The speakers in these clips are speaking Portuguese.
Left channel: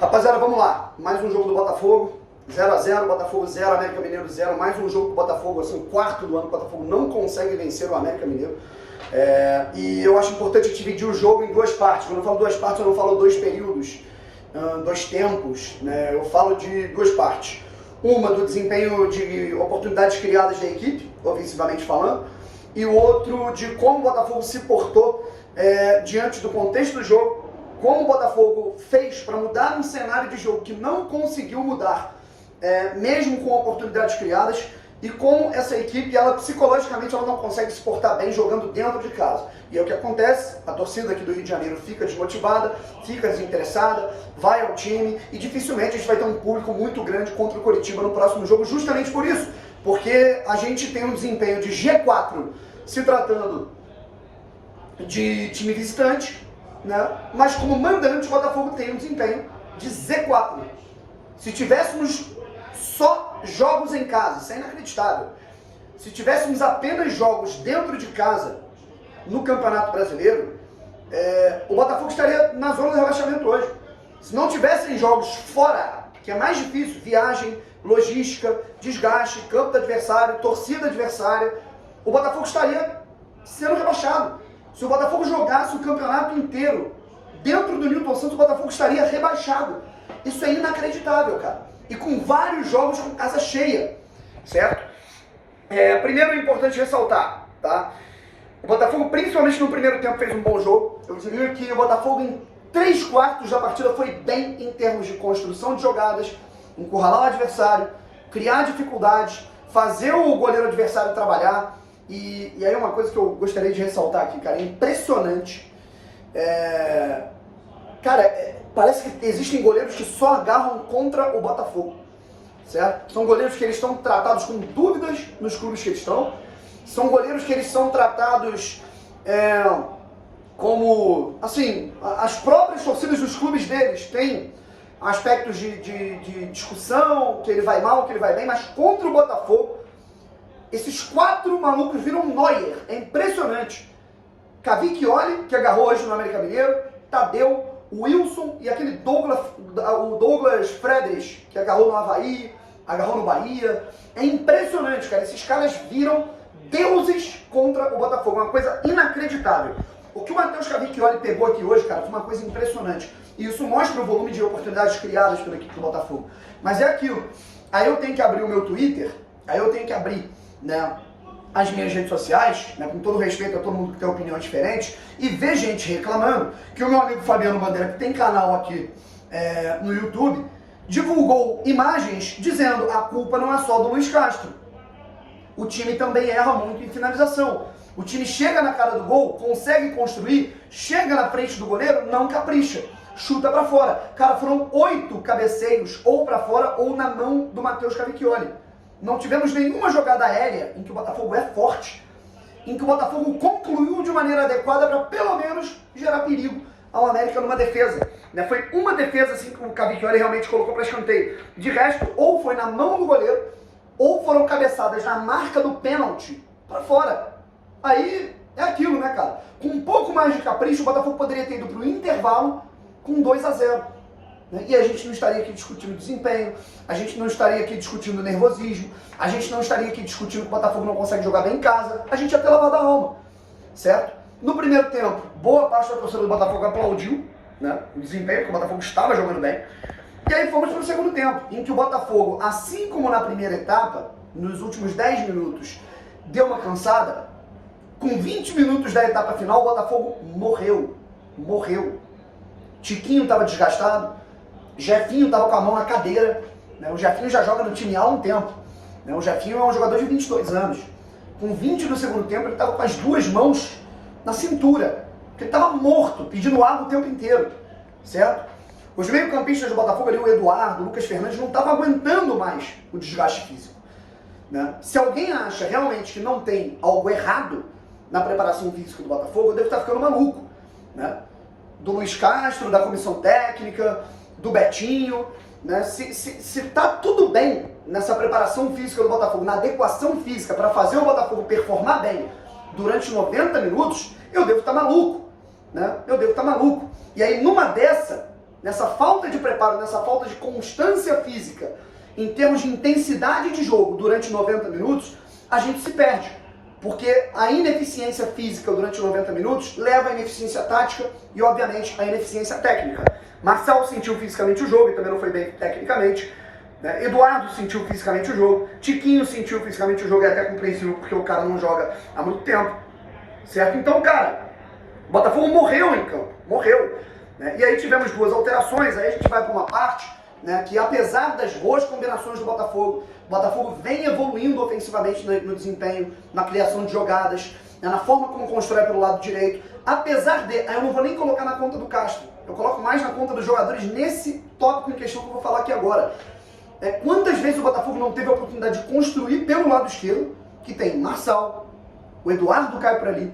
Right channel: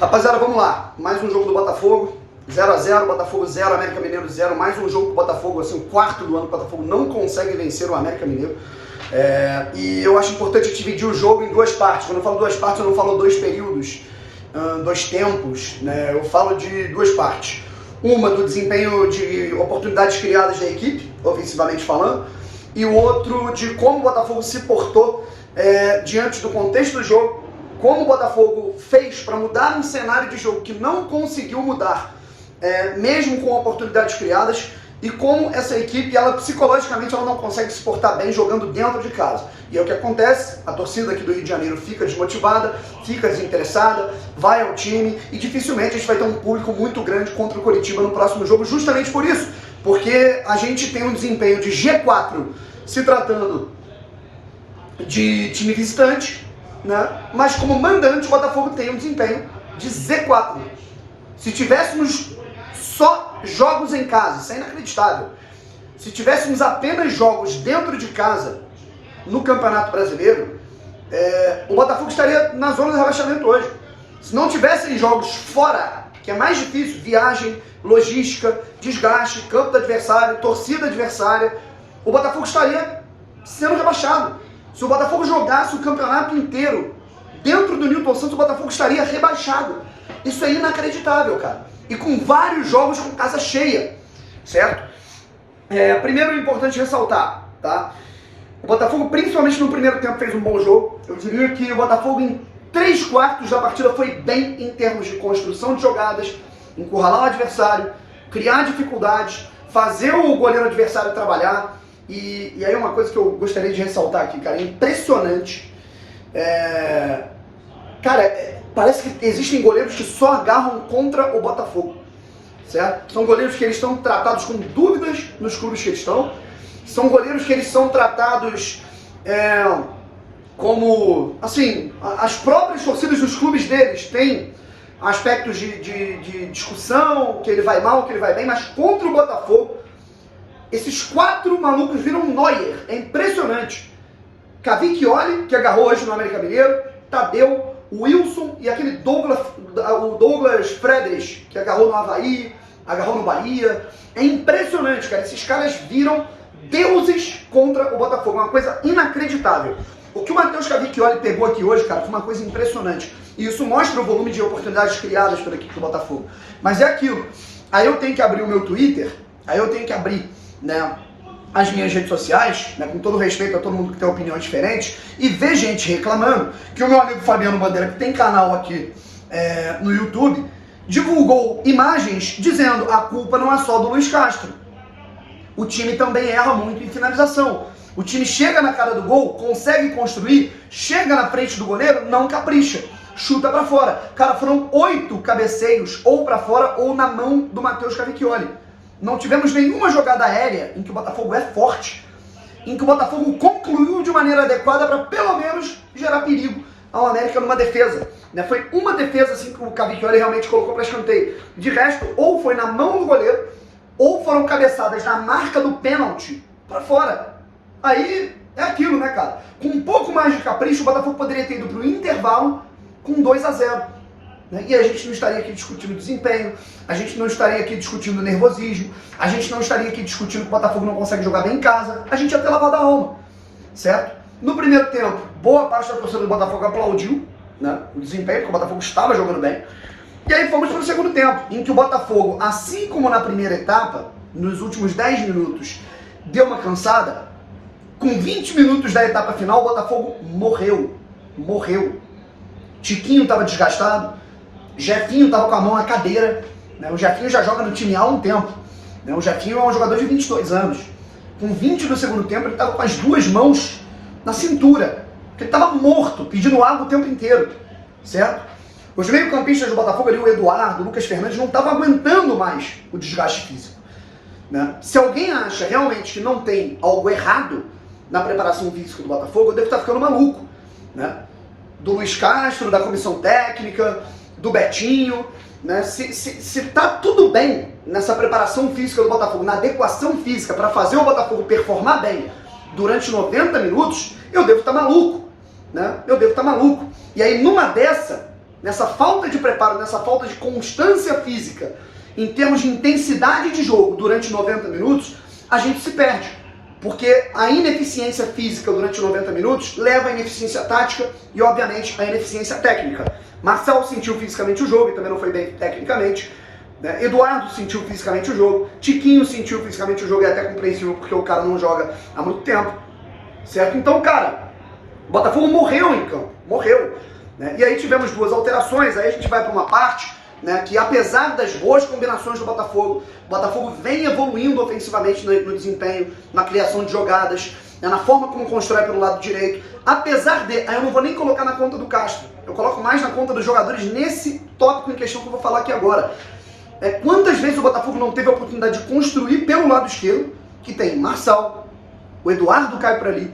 Rapaziada, vamos lá. Mais um jogo do Botafogo. 0x0, Botafogo 0, América Mineiro 0. Mais um jogo do Botafogo, assim, o quarto do ano que o Botafogo não consegue vencer o América Mineiro. E eu acho importante dividir o jogo em duas partes. Quando eu falo duas partes, eu não falo dois períodos, dois tempos, né? Eu falo de duas partes. Uma do desempenho de oportunidades criadas da equipe, ofensivamente falando, e o outro de como o Botafogo se portou diante do contexto do jogo, como o Botafogo fez para mudar um cenário de jogo que não conseguiu mudar, mesmo com oportunidades criadas, e como essa equipe, ela psicologicamente, ela não consegue se portar bem jogando dentro de casa. E é o que acontece, a torcida aqui do Rio de Janeiro fica desmotivada, fica desinteressada, vai ao time, e dificilmente a gente vai ter um público muito grande contra o Coritiba no próximo jogo, justamente por isso, porque a gente tem um desempenho de G4, se tratando de time visitante, né? Mas como mandante, o Botafogo tem um desempenho de Z4. Se tivéssemos só jogos em casa, isso é inacreditável. Se tivéssemos apenas jogos dentro de casa no Campeonato Brasileiro, o Botafogo estaria na zona do rebaixamento hoje. Se não tivessem jogos fora, que é mais difícil, viagem, logística, desgaste, campo do adversário, torcida adversária, o Botafogo estaria sendo rebaixado. Se o Botafogo jogasse o campeonato inteiro dentro do Newton Santos, o Botafogo estaria rebaixado. Isso é inacreditável, cara. E com vários jogos com casa cheia, certo? Primeiro é importante ressaltar, tá? O Botafogo, principalmente no primeiro tempo, fez um bom jogo. Eu diria que o Botafogo, em 3/4 da partida, foi bem em termos de construção de jogadas, encurralar o adversário, criar dificuldades, fazer o goleiro adversário trabalhar. E aí uma coisa que eu gostaria de ressaltar aqui, cara, é impressionante. Cara, parece que existem goleiros que só agarram contra o Botafogo, certo? São goleiros que eles estão tratados com dúvidas nos clubes que eles estão. São goleiros que eles são tratados como, assim, as próprias torcidas dos clubes deles têm aspectos de discussão, que ele vai mal, que ele vai bem, mas contra o Botafogo, esses 4 malucos viram Neuer. É impressionante. Cavicchioli, que agarrou hoje no América Mineiro, Tadeu, Wilson e aquele Douglas Fredes, que agarrou no Avaí, agarrou no Bahia. É impressionante, cara. Esses caras viram deuses contra o Botafogo. Uma coisa inacreditável. O que o Matheus Cavicchioli pegou aqui hoje, cara, foi uma coisa impressionante. E isso mostra o volume de oportunidades criadas pela equipe do Botafogo. Mas é aquilo. Aí eu tenho que abrir o meu Twitter, aí eu tenho que abrir, né, as minhas redes sociais, né, com todo respeito a todo mundo que tem opiniões diferentes, e ver gente reclamando que o meu amigo Fabiano Bandeira, que tem canal aqui no YouTube, divulgou imagens dizendo: a culpa não é só do Luiz Castro. O time também erra muito em finalização. O time chega na cara do gol, consegue construir, chega na frente do goleiro, não capricha, chuta pra fora. Cara, foram 8 cabeceios, ou pra fora, ou na mão do Matheus Cavicchioli. Não tivemos nenhuma jogada aérea em que o Botafogo é forte, em que o Botafogo concluiu de maneira adequada para pelo menos gerar perigo ao América numa defesa. Né? Foi uma defesa assim que o Cavicchioli realmente colocou para escanteio. De resto, ou foi na mão do goleiro, ou foram cabeçadas na marca do pênalti para fora. Aí é aquilo, né, cara? Com um pouco mais de capricho, o Botafogo poderia ter ido para o intervalo com 2-0. E a gente não estaria aqui discutindo desempenho, a gente não estaria aqui discutindo nervosismo, a gente não estaria aqui discutindo que o Botafogo não consegue jogar bem em casa, a gente ia ter lavado a alma, certo? No primeiro tempo, boa parte da torcida do Botafogo aplaudiu, né, o desempenho, porque o Botafogo estava jogando bem. E aí fomos para o segundo tempo, em que o Botafogo, assim como na primeira etapa, nos últimos 10 minutos, deu uma cansada. Com 20 minutos da etapa final, o Botafogo morreu. Tiquinho estava desgastado, Jefinho estava com a mão na cadeira, né? O Jefinho já joga no time há um tempo, né? O Jefinho é um jogador de 22 anos. Com 20 do segundo tempo, ele estava com as 2 mãos na cintura, porque ele estava morto, pedindo água o tempo inteiro, certo? Os meio-campistas do Botafogo ali, o Eduardo, o Lucas Fernandes, não estavam aguentando mais o desgaste físico, né? Se alguém acha realmente que não tem algo errado na preparação física do Botafogo, eu devo estar ficando maluco, né? Do Luiz Castro, da comissão técnica, do Betinho, né? Se tá tudo bem nessa preparação física do Botafogo, na adequação física para fazer o Botafogo performar bem durante 90 minutos, eu devo estar maluco, né? Eu devo estar maluco. E aí numa dessa, nessa falta de preparo, nessa falta de constância física, em termos de intensidade de jogo durante 90 minutos, a gente se perde. Porque a ineficiência física durante 90 minutos leva à ineficiência tática e, obviamente, à ineficiência técnica. Marcel sentiu fisicamente o jogo e também não foi bem tecnicamente. Eduardo sentiu fisicamente o jogo. Tiquinho sentiu fisicamente o jogo e é até compreensível porque o cara não joga há muito tempo. Certo? Então, cara, o Botafogo morreu em campo. Morreu. E aí tivemos duas alterações. Aí a gente vai para uma parte que, apesar das boas combinações do Botafogo, o Botafogo vem evoluindo ofensivamente no desempenho, na criação de jogadas, na forma como constrói pelo lado direito. Apesar de... Aí eu não vou nem colocar na conta do Castro. Eu coloco mais na conta dos jogadores nesse tópico em questão que eu vou falar aqui agora. Quantas vezes o Botafogo não teve a oportunidade de construir pelo lado esquerdo, que tem Marçal, o Eduardo cai por ali,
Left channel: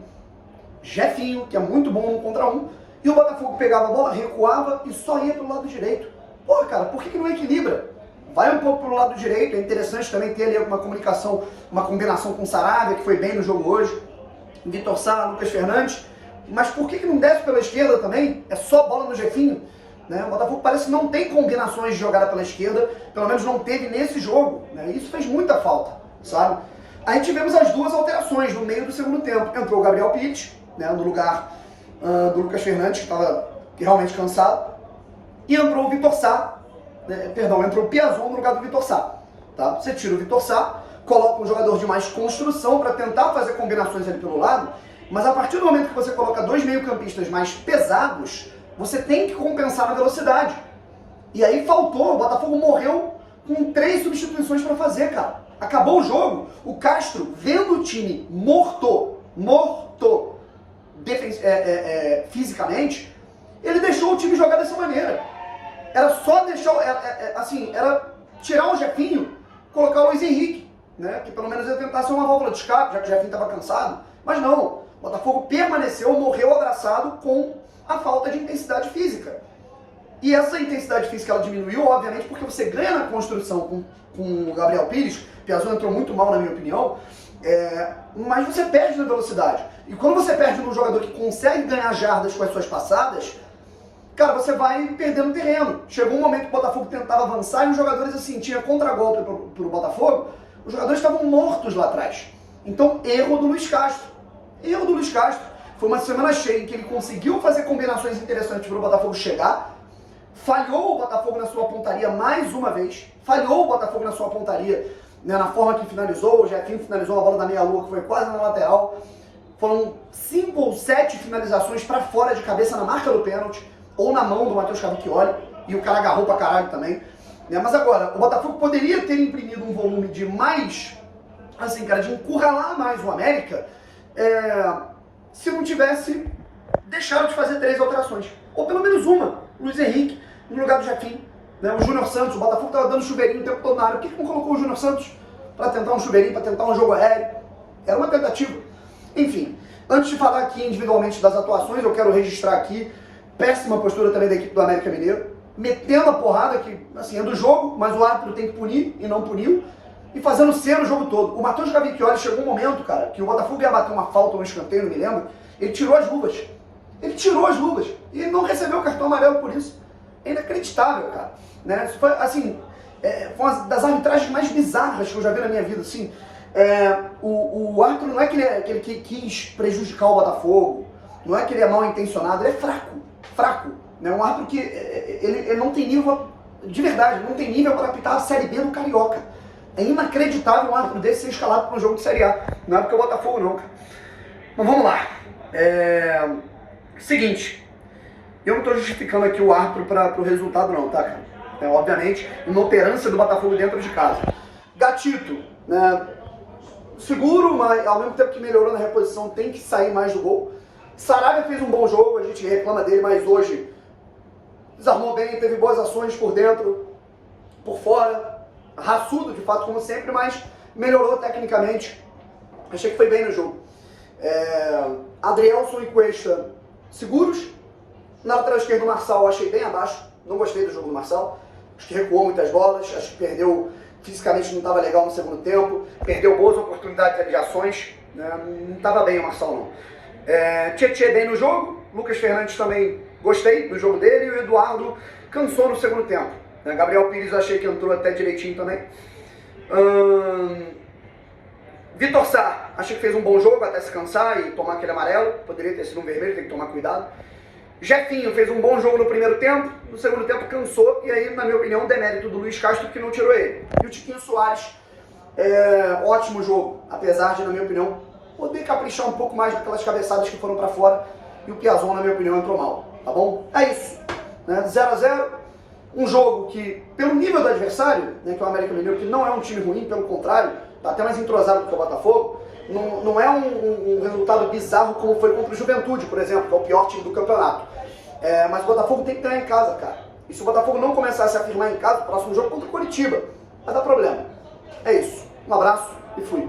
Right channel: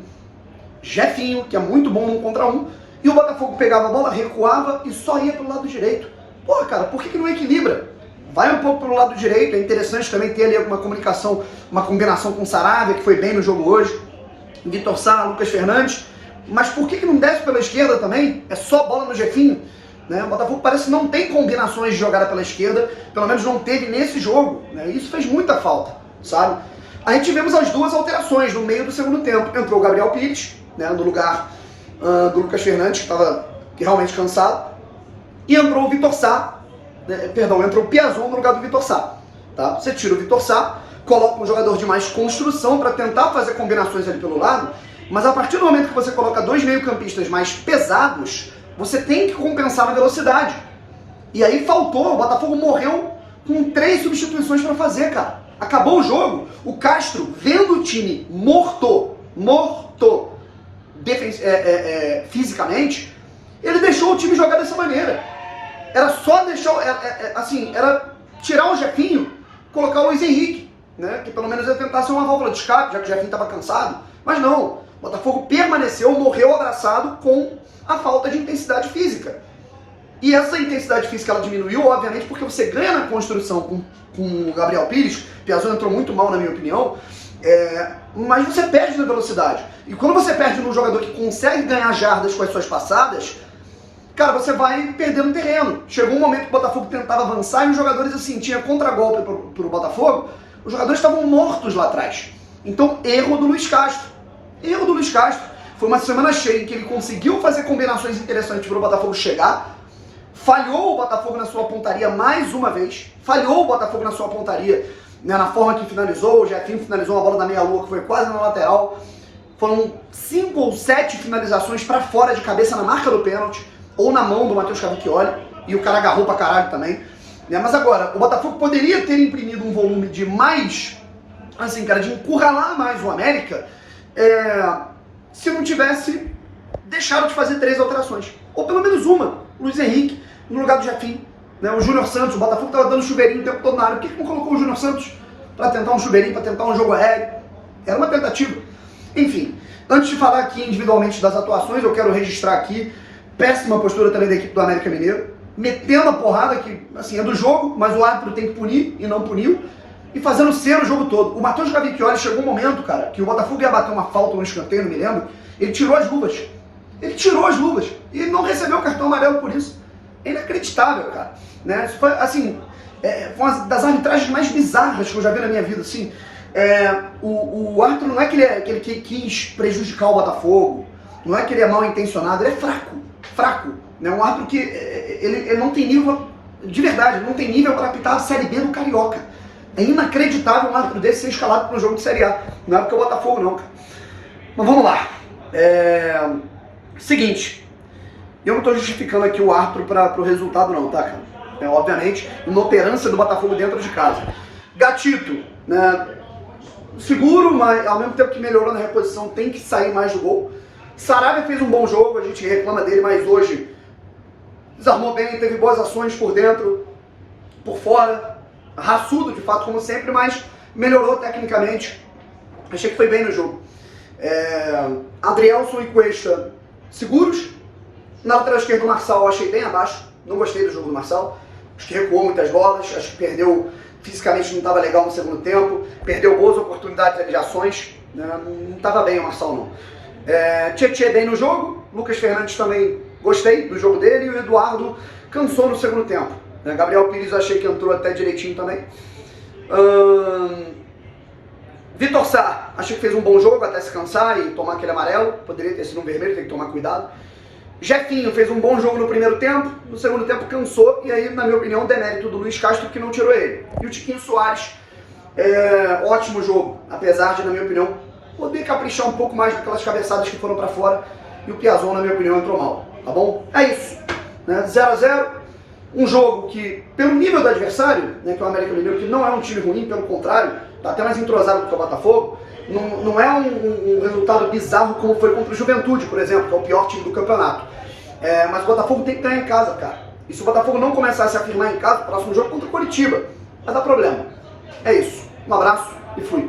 Jefinho, que é muito bom no 1 contra 1, e o Botafogo pegava a bola, recuava e só ia pelo lado direito. Pô, cara, por que não equilibra? Vai um pouco pelo lado direito, é interessante também ter ali alguma comunicação, uma combinação com o Saravia, que foi bem no jogo hoje, Vitor Sá, Lucas Fernandes, mas por que não desce pela esquerda também? É só bola no Jefinho? O Botafogo parece que não tem combinações de jogada pela esquerda, pelo menos não teve nesse jogo, Isso fez muita falta, sabe? Aí tivemos as duas alterações no meio do segundo tempo. Entrou o Gabriel Pires, no lugar do Lucas Fernandes, que estava realmente cansado, e entrou o Vitor Sá, entrou o Piazon no lugar do Vitor Sá. Tá? Você tira o Vitor Sá, coloca um jogador de mais construção para tentar fazer combinações ali pelo lado, mas a partir do momento que você coloca dois meio-campistas mais pesados, você tem que compensar na velocidade. E aí faltou, o Botafogo morreu com 3 substituições para fazer, cara. Acabou o jogo, o Castro, vendo o time morto fisicamente, ele deixou o time jogar dessa maneira. Era só deixar, era tirar o Jefinho, colocar o Luiz Henrique, que pelo menos ia tentar ser uma válvula de escape, já que o Jefinho estava cansado. Mas não, o Botafogo permaneceu, morreu abraçado com a falta de intensidade física. E essa intensidade física ela diminuiu, obviamente, porque você ganha na construção com o Gabriel Pires. O Piazon entrou muito mal, na minha opinião, mas você perde na velocidade. E quando você perde num jogador que consegue ganhar jardas com as suas passadas, cara, você vai perdendo terreno. Chegou um momento que o Botafogo tentava avançar e os jogadores, assim, tinha contragolpe pro Botafogo, os jogadores estavam mortos lá atrás. Então, erro do Luiz Castro. Erro do Luiz Castro. Foi uma semana cheia em que ele conseguiu fazer combinações interessantes para o Botafogo chegar. Falhou o Botafogo na sua pontaria mais uma vez. Falhou o Botafogo na sua pontaria, na forma que finalizou. O Jefinho finalizou uma bola da meia-lua que foi quase na lateral. Foram 5 ou 7 finalizações para fora de cabeça na marca do pênalti, ou na mão do Matheus Cavicchioli, e o cara agarrou pra caralho também. Mas agora, o Botafogo poderia ter imprimido um volume de mais, assim, cara, de encurralar mais o América, se não tivesse deixado de fazer 3 alterações. Ou pelo menos uma. Luiz Henrique no lugar do Jefinho. O Júnior Santos, o Botafogo estava dando chuveirinho o tempo todo na área. Por que não colocou o Júnior Santos para tentar um chuveirinho, para tentar um jogo aéreo? Era uma tentativa. Enfim, antes de falar aqui individualmente das atuações, eu quero registrar aqui péssima postura também da equipe do América Mineiro, metendo a porrada que, assim, é do jogo, mas o árbitro tem que punir e não puniu, e fazendo cera o jogo todo. O Matheus Cavicchioli chegou um momento, cara, que o Botafogo ia bater uma falta no escanteio, não me lembro, ele tirou as luvas. Ele tirou as luvas e não recebeu o cartão amarelo por isso. É inacreditável, cara. Isso foi, assim, foi uma das arbitragens mais bizarras que eu já vi na minha vida, assim. O árbitro não é que ele quis prejudicar o Botafogo, não é que ele é mal intencionado, ele é fraco. Um árbitro que ele não tem nível, de verdade, ele não tem nível para apitar a Série B do Carioca. É inacreditável um árbitro desse ser escalado para um jogo de Série A. Não é porque é o Botafogo, não, cara. Mas vamos lá. Seguinte, eu não estou justificando aqui o árbitro para o resultado não, tá, cara? Obviamente, inoperância do Botafogo dentro de casa. Gatito, seguro, mas ao mesmo tempo que melhorou na reposição, tem que sair mais do gol. Saravia fez um bom jogo, a gente reclama dele, mas hoje desarmou bem, teve boas ações por dentro, por fora, raçudo de fato como sempre, mas melhorou tecnicamente. Achei que foi bem no jogo. Adrielson e Cuesta seguros. Na lateral esquerda, o Marçal eu achei bem abaixo. Não gostei do jogo do Marçal. Acho que recuou muitas bolas. Acho que perdeu, fisicamente não estava legal no segundo tempo. Perdeu boas oportunidades de ações. Não estava bem o Marçal, não. Tietê bem no jogo. Lucas Fernandes também gostei do jogo dele. E o Eduardo cansou no segundo tempo. Gabriel Pires eu achei que entrou até direitinho também. Vitor Sá, achei que fez um bom jogo até se cansar e tomar aquele amarelo. Poderia ter sido um vermelho, tem que tomar cuidado. Jefinho fez um bom jogo no primeiro tempo, no segundo tempo cansou, e aí, na minha opinião, demérito do Luiz Castro que não tirou ele. E o Tiquinho Soares, ótimo jogo, apesar de, na minha opinião, poder caprichar um pouco mais naquelas cabeçadas que foram pra fora, e o Piazon, na minha opinião, entrou mal, tá bom? É isso, né? 0-0, um jogo que, pelo nível do adversário, né, que é o América Mineiro, que não é um time ruim, pelo contrário, tá até mais entrosado do que o Botafogo, não é um resultado bizarro como foi contra o Juventude, por exemplo, que é o pior time do campeonato. Mas o Botafogo tem que ganhar em casa, cara. E se o Botafogo não começar a se afirmar em casa, o próximo jogo contra o Coritiba vai dar problema. É isso. Um abraço e fui.